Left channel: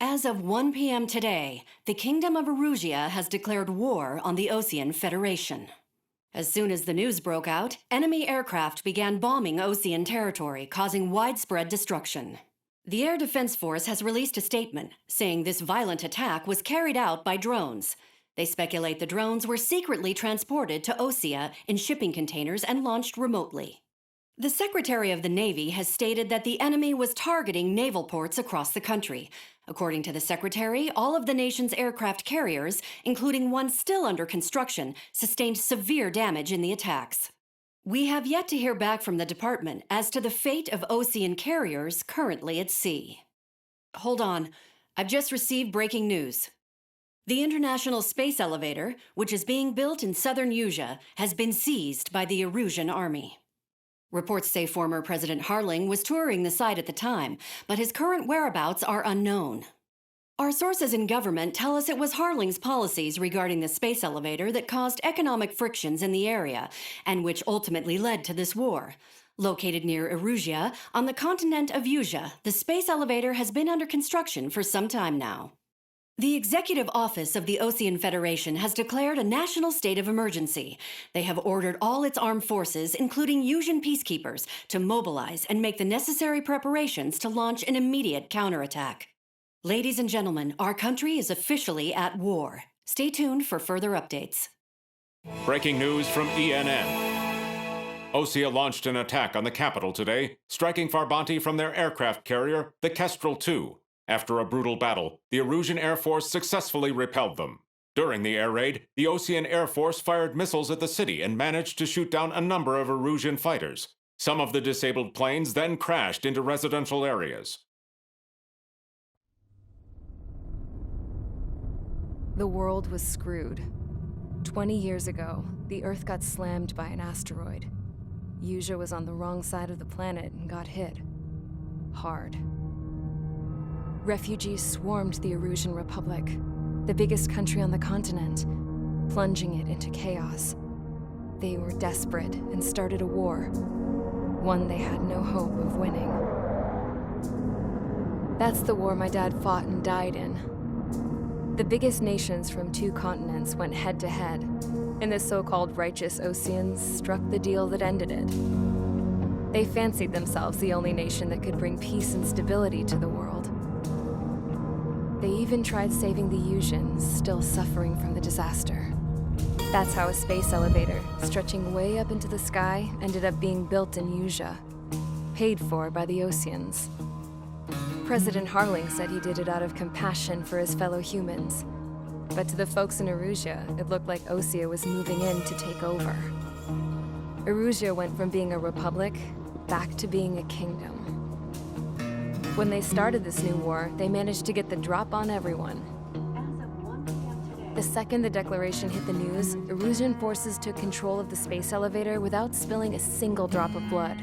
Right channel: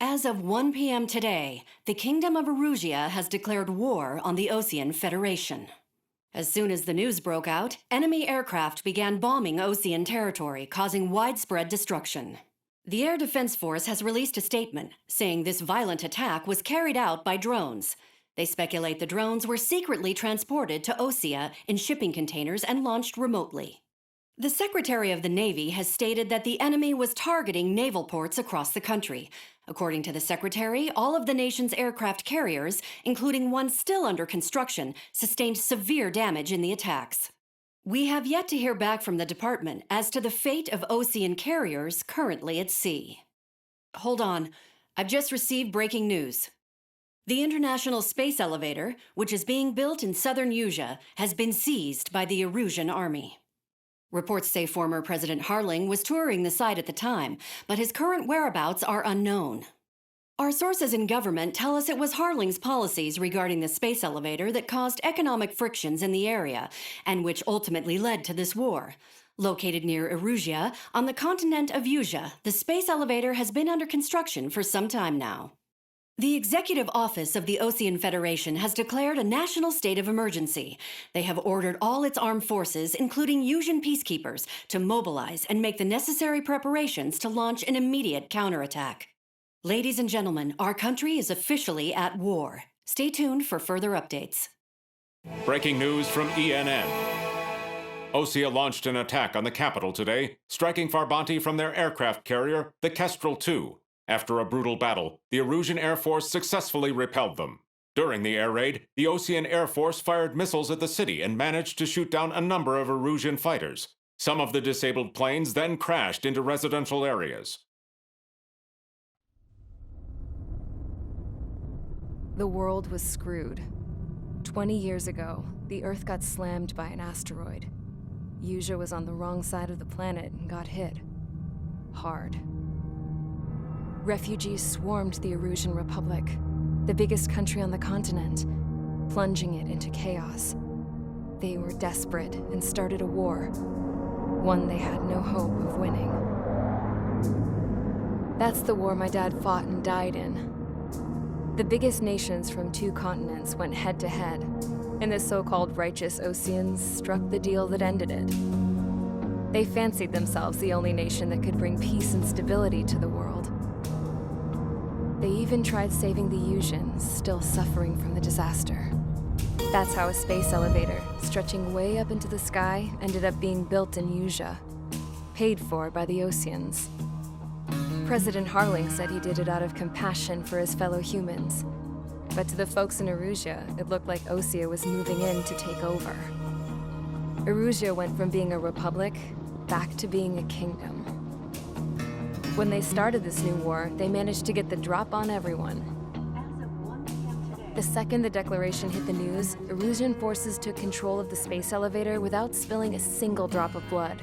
As of 1 p.m. today, the Kingdom of Erusea has declared war on the Osean Federation. As soon as the news broke out, enemy aircraft began bombing Osean territory, causing widespread destruction. The Air Defense Force has released a statement saying this violent attack was carried out by drones. They speculate the drones were secretly transported to Osea in shipping containers and launched remotely. The Secretary of the Navy has stated that the enemy was targeting naval ports across the country. According to the Secretary, all of the nation's aircraft carriers, including one still under construction, sustained severe damage in the attacks. We have yet to hear back from the department as to the fate of Osean carriers currently at sea. Hold on, I've just received breaking news. The International Space Elevator, which is being built in southern Usea, has been seized by the Erusean army. Reports say former President Harling was touring the site at the time, but his current whereabouts are unknown. Our sources in government tell us it was Harling's policies regarding the space elevator that caused economic frictions in the area, and which ultimately led to this war. Located near Erusea, on the continent of Usea, the space elevator has been under construction for some time now. The Executive Office of the Osean Federation has declared a national state of emergency. They have ordered all its armed forces, including Usean peacekeepers, to mobilize and make the necessary preparations to launch an immediate counterattack. Ladies and gentlemen, our country is officially at war. Stay tuned for further updates. Breaking news from ENN. Osea launched an attack on the capital today, striking Farbanti from their aircraft carrier, the Kestrel II. After a brutal battle, the Osean Air Force successfully repelled them. During the air raid, the Osean Air Force fired missiles at the city and managed to shoot down a number of Erusean fighters. Some of the disabled planes then crashed into residential areas. The world was screwed. 20 years ago, the Earth got slammed by an asteroid. Usea was on the wrong side of the planet and got hit. Hard. Refugees swarmed the Erusean Republic, the biggest country on the continent, plunging it into chaos. They were desperate and started a war, one they had no hope of winning. That's the war my dad fought and died in. The biggest nations from 2 continents went head-to-head, and the so-called righteous Oseans struck the deal that ended it. They fancied themselves the only nation that could bring peace and stability to the world. They even tried saving the Useans, still suffering from the disaster. That's how a space elevator, stretching way up into the sky, ended up being built in Usea, paid for by the Oseans. President Harling said he did it out of compassion for his fellow humans. But to the folks in Erusea, it looked like Osea was moving in to take over. Erusea went from being a republic back to being a kingdom. When they started this new war, they managed to get the drop on everyone. As of 1 p.m. today, The second the declaration hit the news, Erusean forces took control of the space elevator without spilling a single drop of blood.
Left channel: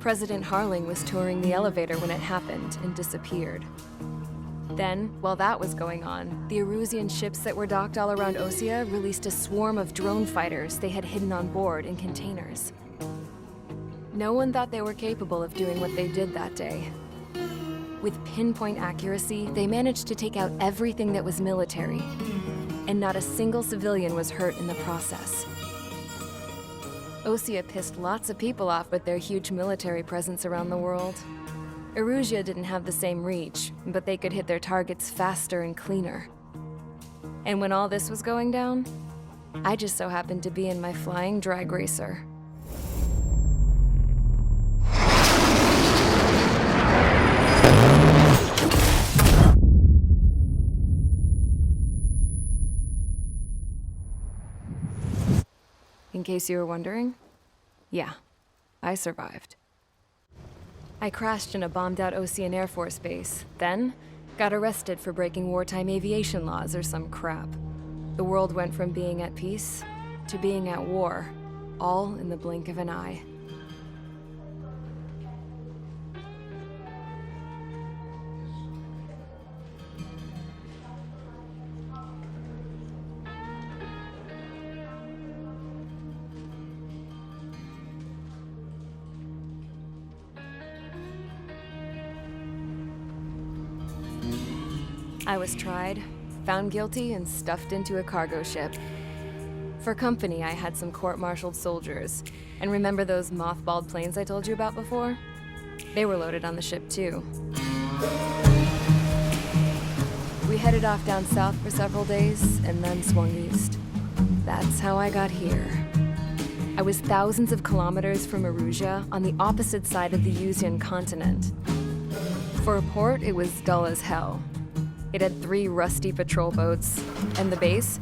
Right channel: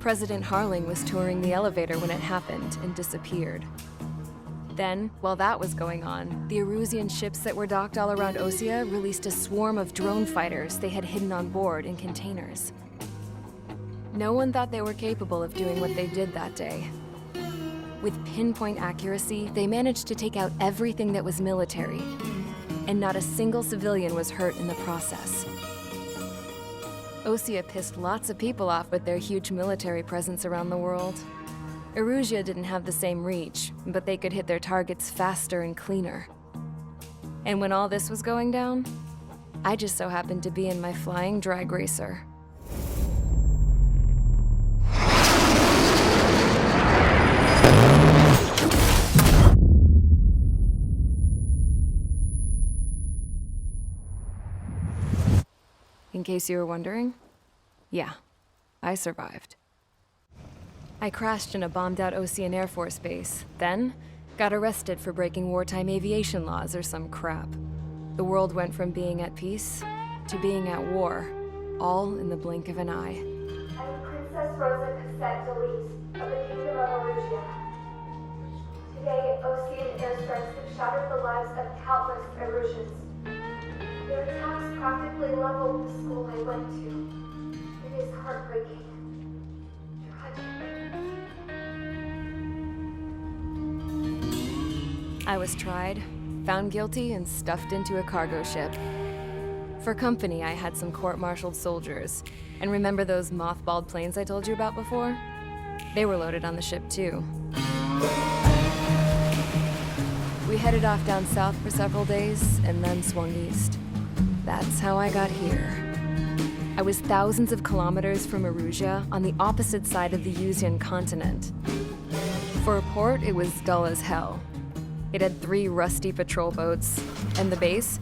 President Harling was touring the elevator when it happened and disappeared. Then, while that was going on, the Erusean ships that were docked all around Osea released a swarm of drone fighters they had hidden on board in containers. No one thought they were capable of doing what they did that day. With pinpoint accuracy, they managed to take out everything that was military, and not a single civilian was hurt in the process. Osea pissed lots of people off with their huge military presence around the world. Erusea didn't have the same reach, but they could hit their targets faster and cleaner. And when all this was going down, I just so happened to be in my flying drag racer. In case you were wondering, yeah, I survived. I crashed in a bombed-out Osean Air Force base, then got arrested for breaking wartime aviation laws or some crap. The world went from being at peace to being at war, all in the blink of an eye. I'm Princess Rosa Cassette Delise of the Kingdom of Erusea. Today, Osean airstrikes have shattered the lives of countless Eruseans. Their attacks practically leveled the school I went to. It is heartbreaking. Tragic. I was tried, found guilty, and stuffed into a cargo ship. For company, I had some court-martialed soldiers. And remember those mothballed planes I told you about before? They were loaded on the ship, too. We headed off down south for several days, and then swung east. That's how I got here. I was thousands of kilometers from Erusea, on the opposite side of the Usean continent. For a port, it was dull as hell. It had 3 rusty patrol boats, and the base?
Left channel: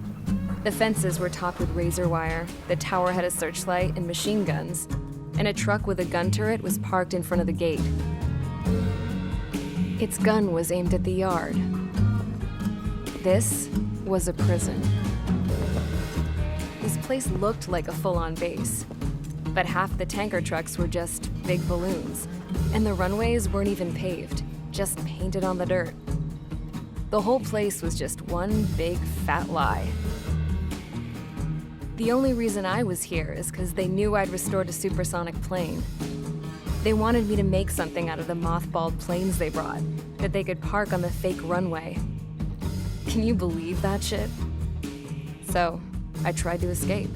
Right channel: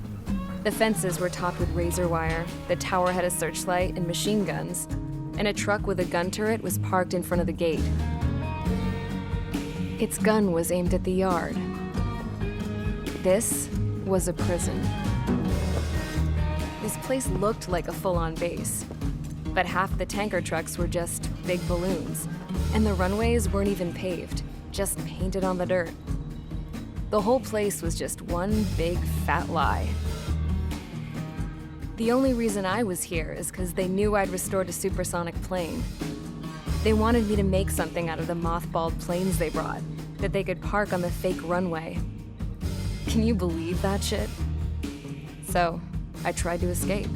The fences were topped with razor wire, the tower had a searchlight and machine guns, and a truck with a gun turret was parked in front of the gate. Its gun was aimed at the yard. This was a prison. This place looked like a full-on base, but half the tanker trucks were just big balloons, and the runways weren't even paved, just painted on the dirt. The whole place was just one big fat lie. The only reason I was here is because they knew I'd restored a supersonic plane. They wanted me to make something out of the mothballed planes they brought, that they could park on the fake runway. Can you believe that shit? So, I tried to escape.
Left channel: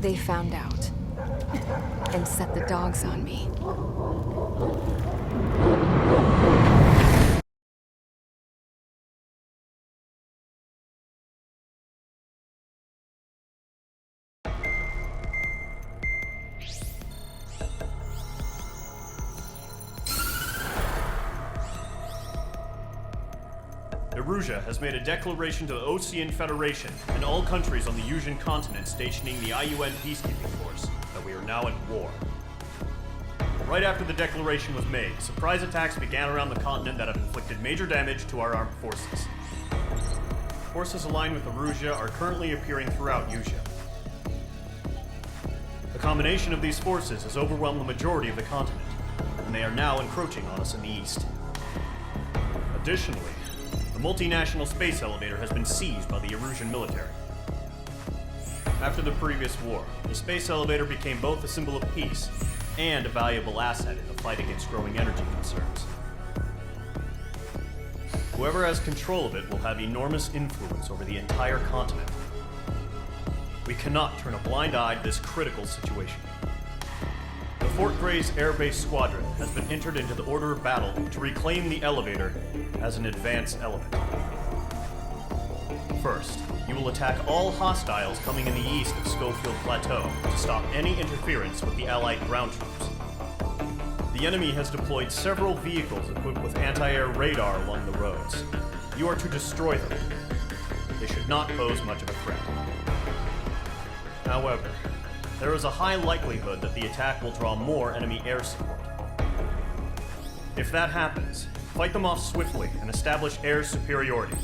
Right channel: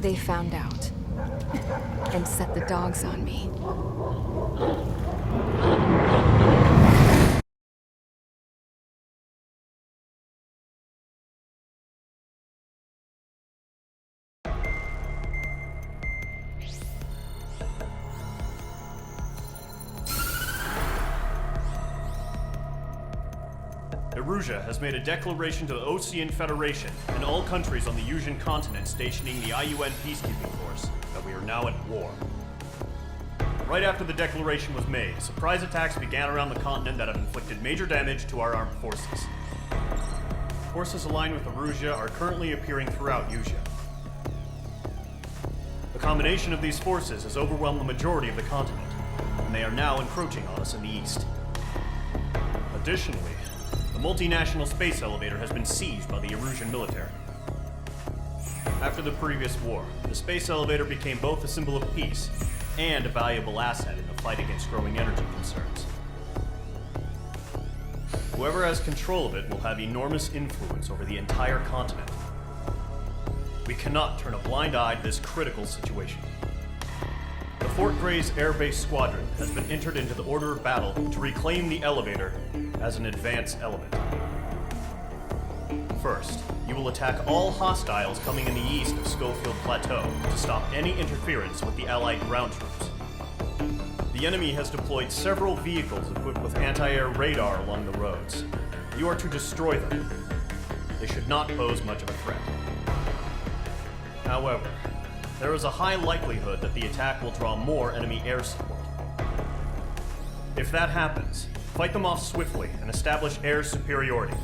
They found out, and set the dogs on me. Erusea has made a declaration to the Osean Federation and all countries on the Usean continent stationing the IUN peacekeeping force that we are now at war. Right after the declaration was made, surprise attacks began around the continent that have inflicted major damage to our armed forces. Forces aligned with Erusea are currently appearing throughout Usea. The combination of these forces has overwhelmed the majority of the continent, and they are now encroaching on us in the east. Additionally, the multinational space elevator has been seized by the Erusean military. After the previous war, the space elevator became both a symbol of peace and a valuable asset in the fight against growing energy concerns. Whoever has control of it will have enormous influence over the entire continent. We cannot turn a blind eye to this critical situation. The Fort Grays Air Base squadron has been entered into the order of battle to reclaim the elevator as an advance element. First, you will attack all hostiles coming in the east of Schofield Plateau to stop any interference with the Allied ground troops. The enemy has deployed several vehicles equipped with anti-air radar along the roads. You are to destroy them. They should not pose much of a threat. However, there is a high likelihood that the attack will draw more enemy air support. If that happens, fight them off swiftly and establish air superiority.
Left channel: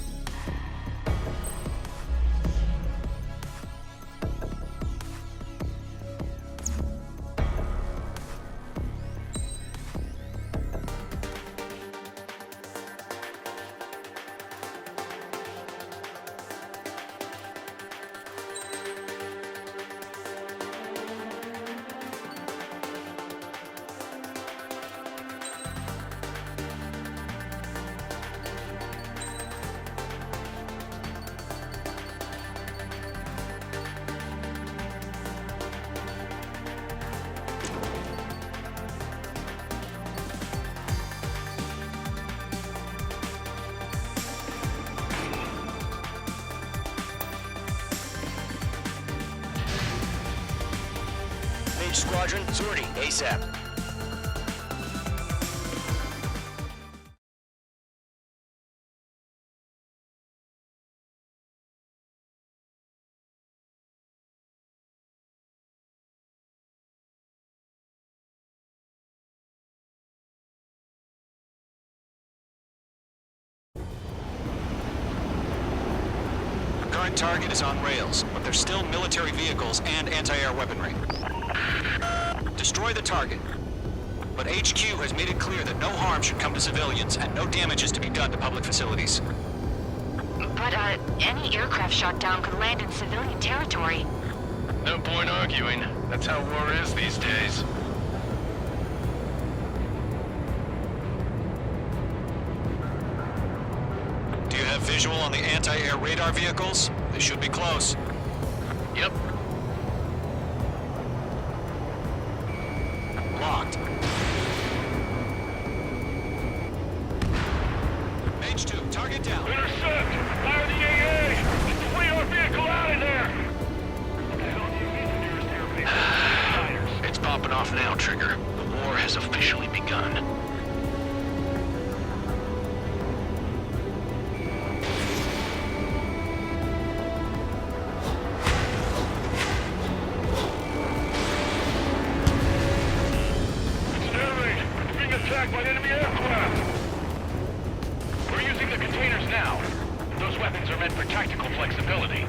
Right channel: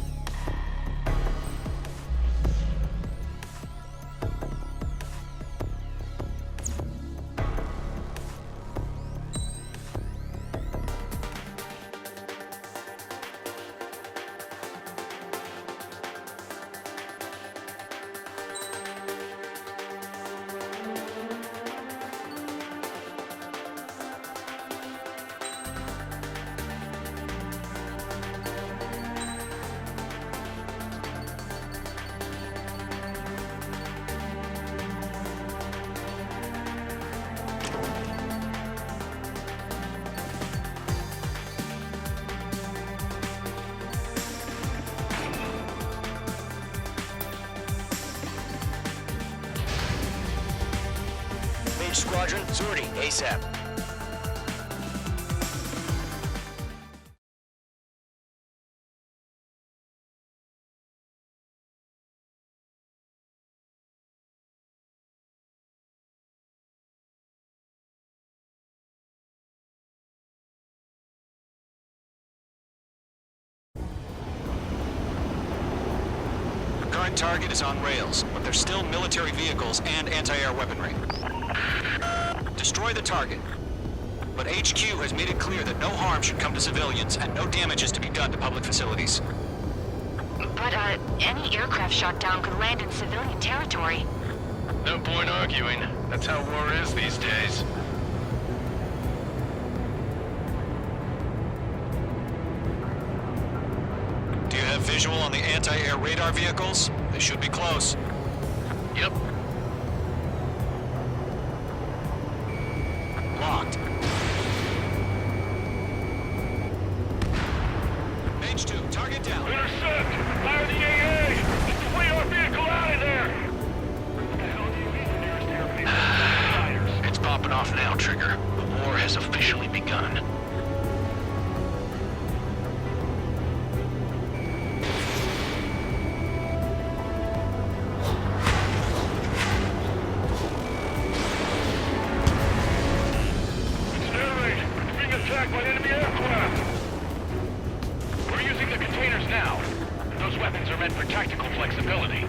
Mage Squadron, sortie ASAP. Current target is on rails, but there's still military vehicles and anti-air weaponry. Destroy the target. But HQ has made it clear that no harm should come to civilians and no damage is to be done to public facilities. But, any aircraft shot down could land in civilian territory. No point arguing. That's how war is these days. Visual on the anti-air radar vehicles? They should be close. Yep. Locked. Mage 2, target down. Intercept! Fire the AA! Get the radar vehicle out of there! What the hell do you mean the nearest airbase? It's popping off now, Trigger. The war has officially begun. Attacked by enemy aircraft! We're using the containers now. Those weapons are meant for tactical flexibility.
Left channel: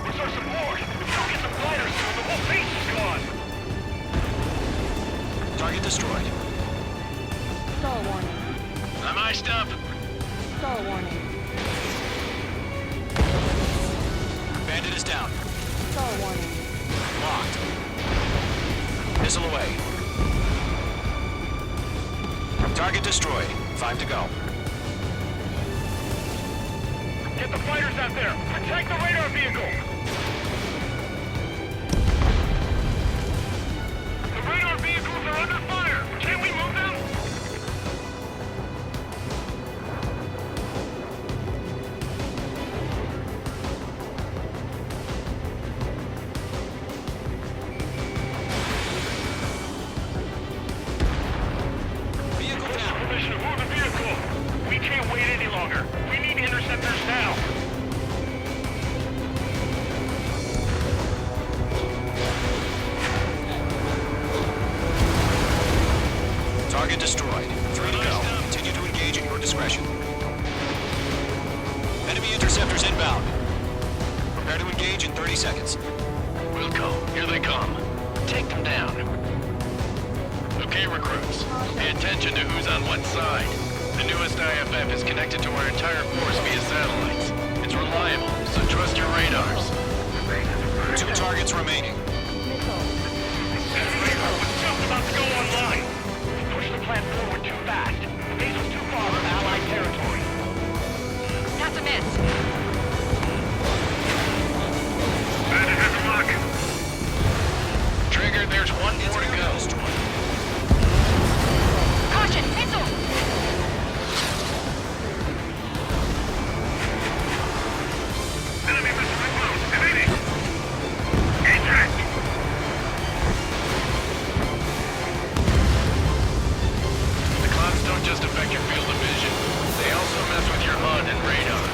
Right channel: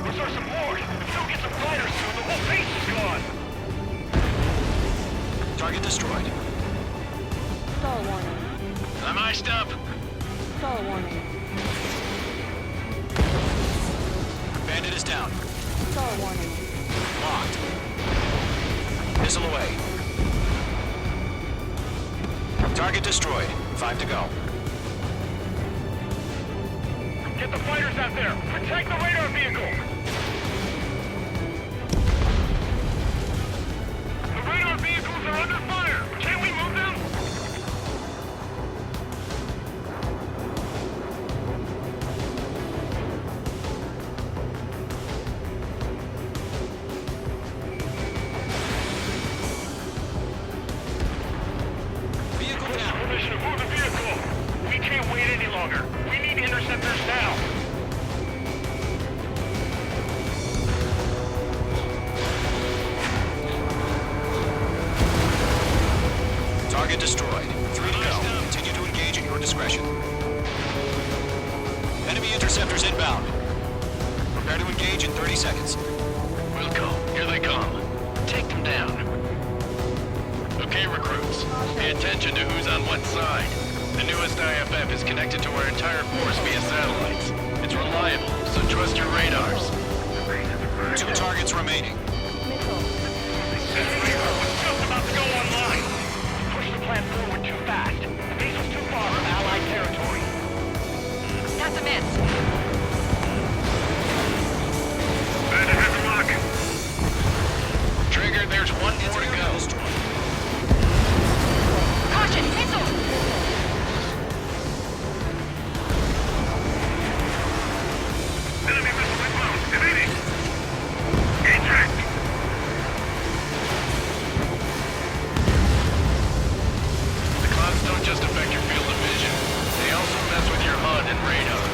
Where's our support? If we don't get some gliders soon, the whole base is gone! Target destroyed. Stall warning. I'm iced up. Stall warning. Bandit is down. Stall warning. Locked. Missile away. Target destroyed. 5 to go. Get the fighters out there! Protect the radar vehicle! The radar vehicles are under fire! Can't we move them? Vehicle down. Permission to move the vehicle! We can't wait any longer! We need interceptors now! Target destroyed. 3 to go. Continue to engage at your discretion. Enemy interceptors inbound. Prepare to engage in 30 seconds. Wilco, here they come. Take them down. Okay, recruits. Pay attention to who's on what side. The newest IFF is connected to our entire force via satellites. It's reliable, so trust your radars. 2 targets remaining. Missile. That radar was just about to go online. We pushed the plan forward too fast. The base was too far from Allied territory. That's a miss. Bandit has a lock. Trigger, there's one It's more to area go. destroyed. Caution, missile! Enemy missile inbound. Evading. Eject. The clouds don't just affect your field of vision. They also mess with your HUD and radar.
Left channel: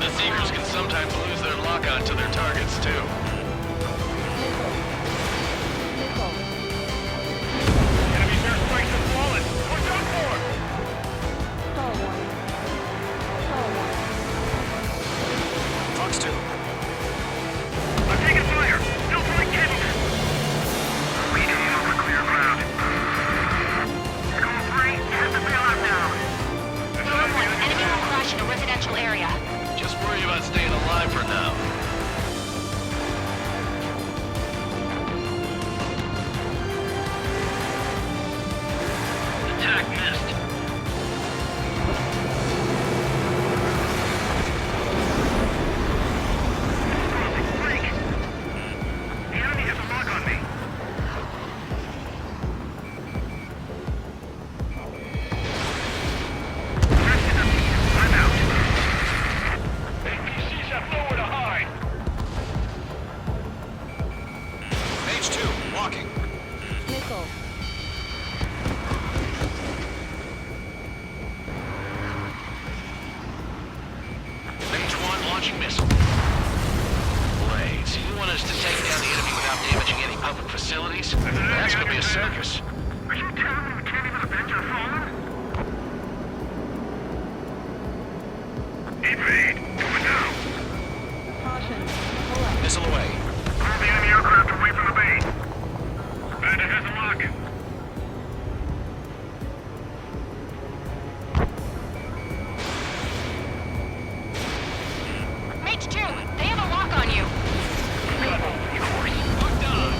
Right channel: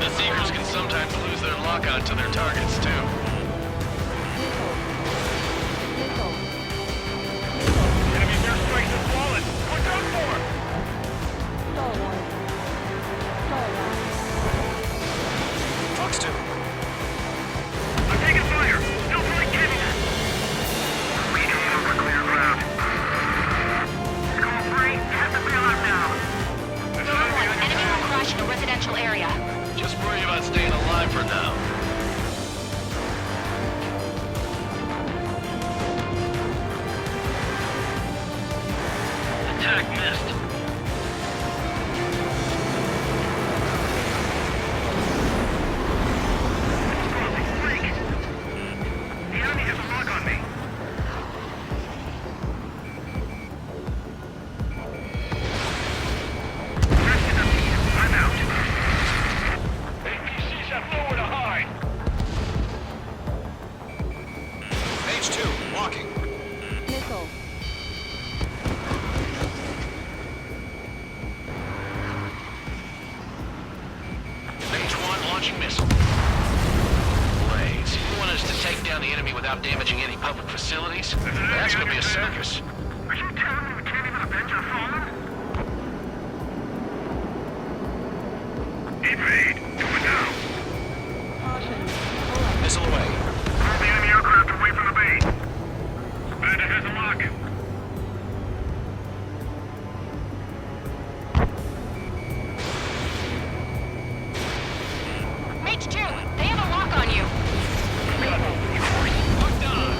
The Seekers can sometimes lose their lock-on to their targets, too. Missile. Missile. Enemy's airstrikes have fallen. We're done for! Stall warning. Stall warning. Fox 2. I'm taking fire! Still fully capable! We can over clear ground. School 3, get the bailout now! Enemy will crash in a residential area. Just worry about staying alive for now. Attack missed. Bleak. The enemy has a lock on me. Rest in the lead. I'm out. APCs have nowhere to hide. Mage 2. Walking. Missile. Mage 1 launching missile. Blaze, you want us to take down the enemy without damaging any public facilities? That's gonna be a circus. Are you telling me we can't even avenge our fallen? Evade! Do it now! Caution. Pull up. Missile away. Pull the enemy aircraft away from the base. Bandit has a lock. Mage 2, they have a lock on you. Locked on.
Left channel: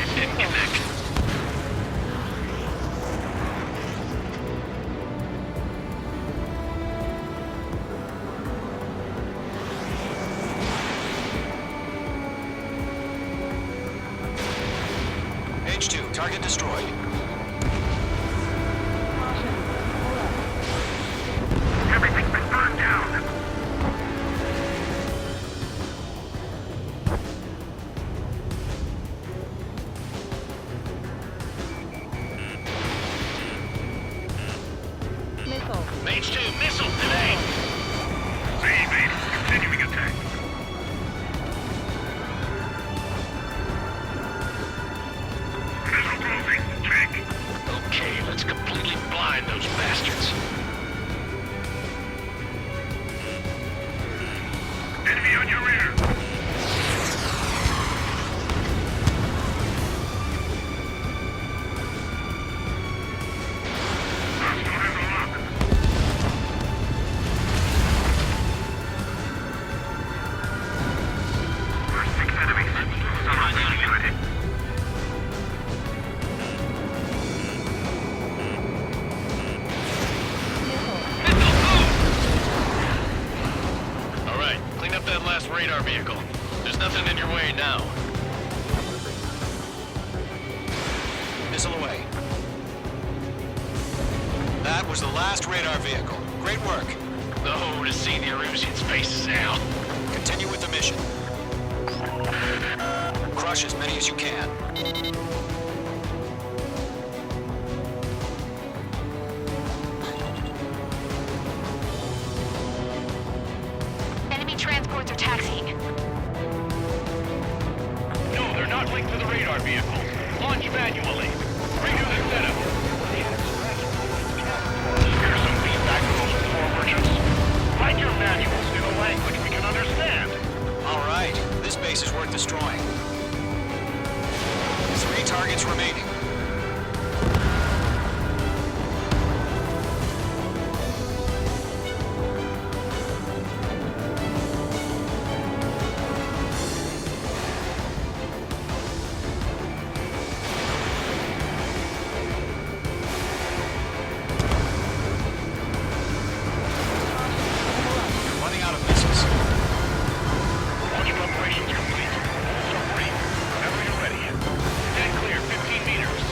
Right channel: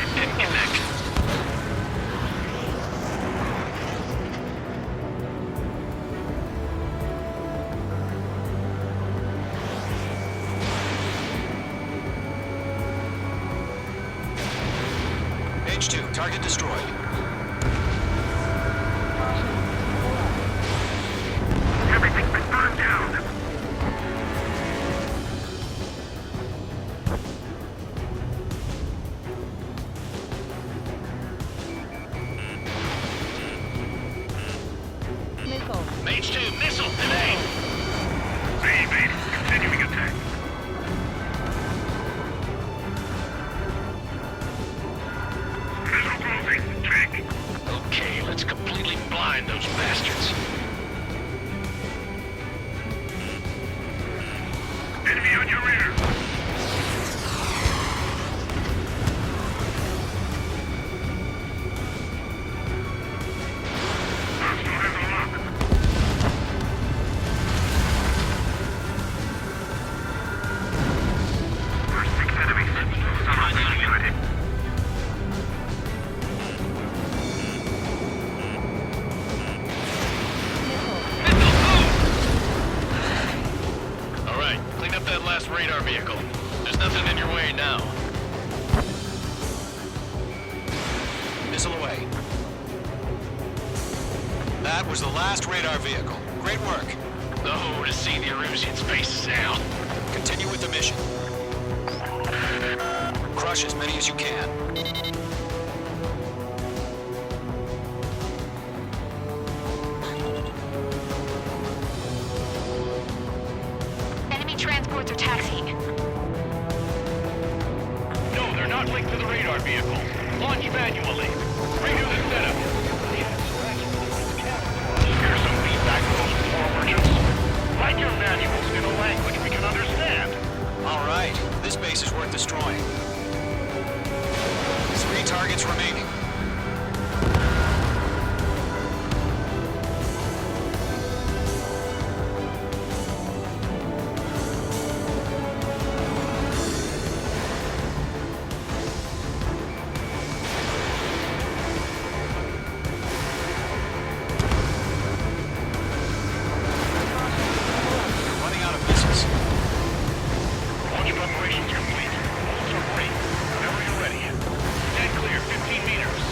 It didn't connect. H2, target destroyed. Caution. Pull up. Everything's been burned down. Missile. Mage 2, missile today. Base, continuing attack. Missile closing. Check. Okay, let's completely blind those bastards. Enemy on your rear. Hostile has a lock. First 6 enemies. Good. Missile. All right, clean up that last radar vehicle. There's nothing in your way now. Missile away. That was the last radar vehicle. Great work. Oh, to see the Eruseans' faces now. Continue with the mission. Crush as many as you can. Enemy transports are taxiing. No, they're not linked to the radar vehicle. Launch manually. Redo the setup. Here's some feedback from those war merchants. Write your manuals in a language we can understand. All right, this base is worth destroying. 3 targets remaining. You're running out of missiles. Launch preparations complete. Holes are free. Whenever you're ready. Stand clear, 15 meters.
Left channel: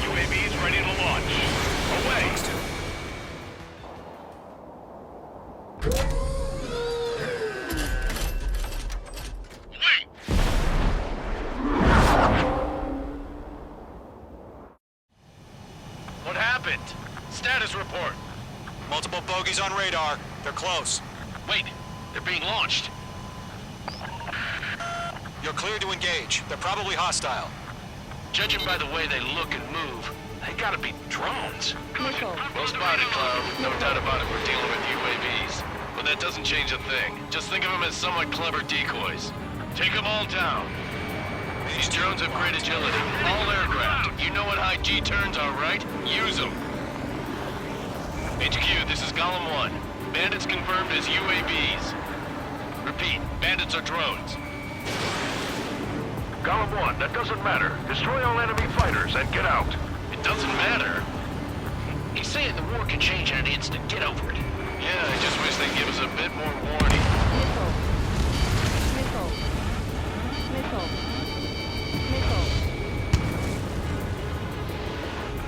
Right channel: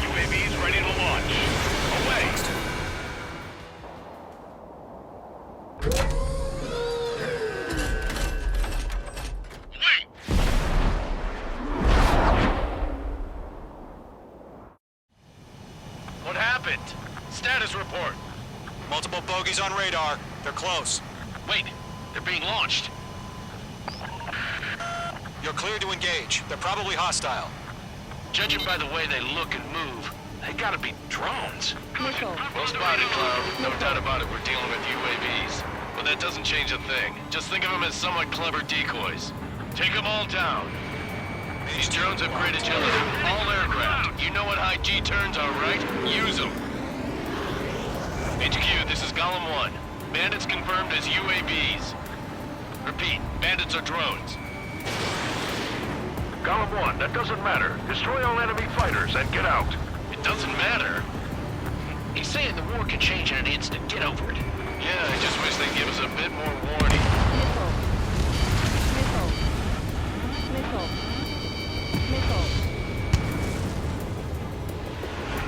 UAVs ready to launch. Away! Wait! What happened? Status report. Multiple bogies on radar. They're close. Wait, they're being launched. You're clear to engage. They're probably hostile. Judging by the way they look and move, they gotta be drones. Missile. Well spotted, Cloud. No doubt about it, we're dealing with UAVs. But that doesn't change a thing. Just think of them as somewhat clever decoys. Take them all down. These drones have great agility. All aircraft. You know what high G turns are, right? Use them. HQ, this is Golem 1. Bandits confirmed as UAVs. Repeat, bandits are drones. Golem 1, that doesn't matter. Destroy all enemy fighters and get out. It doesn't matter? He's saying the war can change in an instant. Get over it. Yeah, I just wish they'd give us a bit more warning. Missile. Missile. Missile. Missile.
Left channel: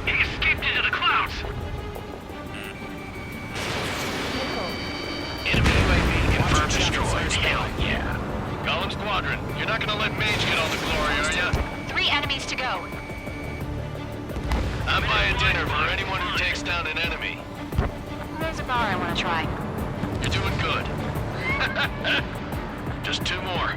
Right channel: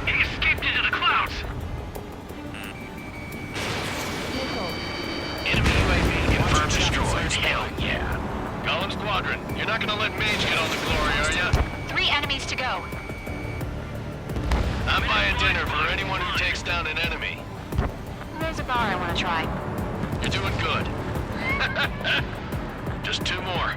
He escaped into the clouds! Missile. Enemy UAV confirmed destroyed. Hell yeah. Golem Squadron, you're not gonna let Mage get all the glory, are ya? 3 enemies to go. I'm buying dinner for anyone who takes down an enemy. There's a bar I want to try. You're doing good. Just 2 more.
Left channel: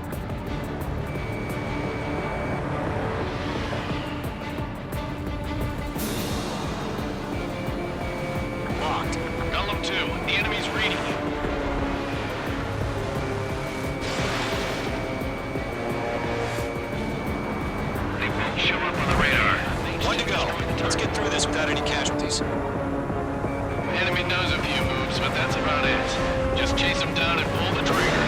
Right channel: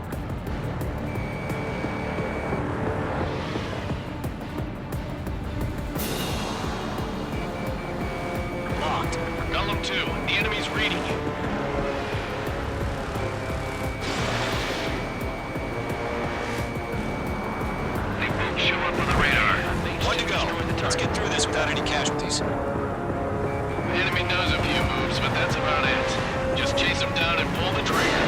Locked. Golem 2, the enemy's reading you. They won't show up on the radar. 1 to go. Let's get through this without any casualties. The enemy knows a few moves, but that's about it. Just chase them down and pull the trigger.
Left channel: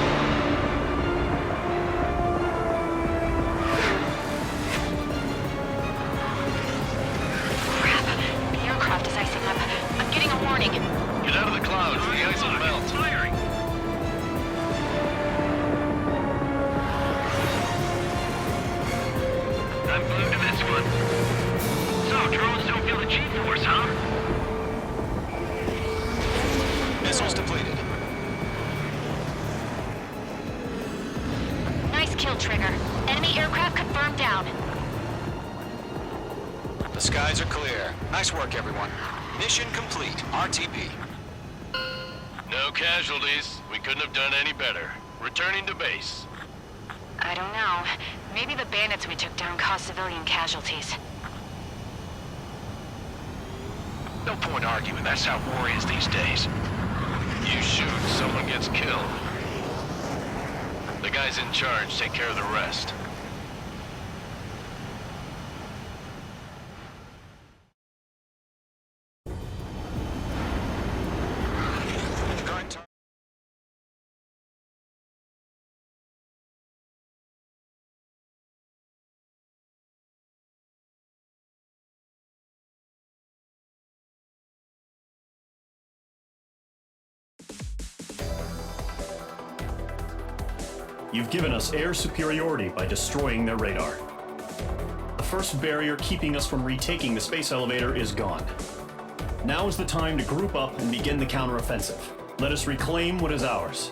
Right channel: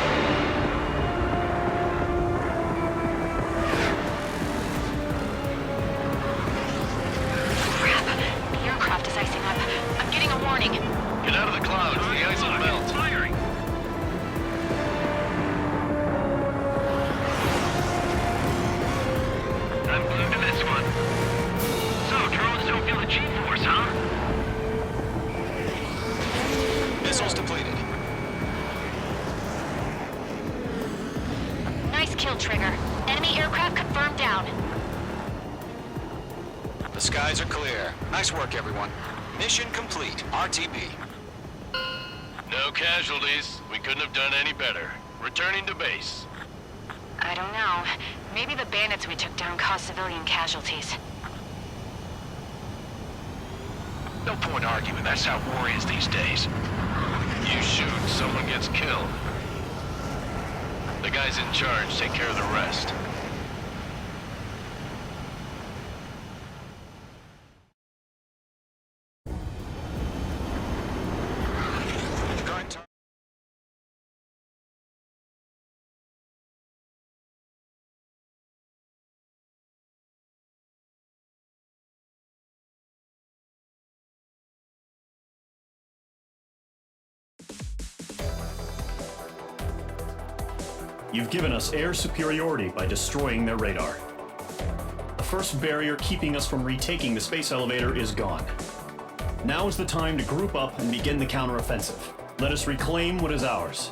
Crap. The aircraft is icing up. I'm getting a warning. Get out of the clouds. The ice will melt. Firing. I'm glued to this one. Feel the G-force, huh? Missiles depleted. Nice kill, Trigger. Enemy aircraft confirmed down. The skies are clear. Nice work, everyone. Mission complete. RTB. No casualties. We couldn't have done any better. Returning to base. I don't know. Maybe the bandits we took down caused civilian casualties. No point arguing. That's how war is these days. You shoot, someone gets killed. The guys in charge take care of the rest. Current tar- You've given us air superiority by destroying their radar. The first barrier keeping us from retaking the space elevator is gone. Now is the time to group up and begin the counteroffensive. Let us reclaim what is ours.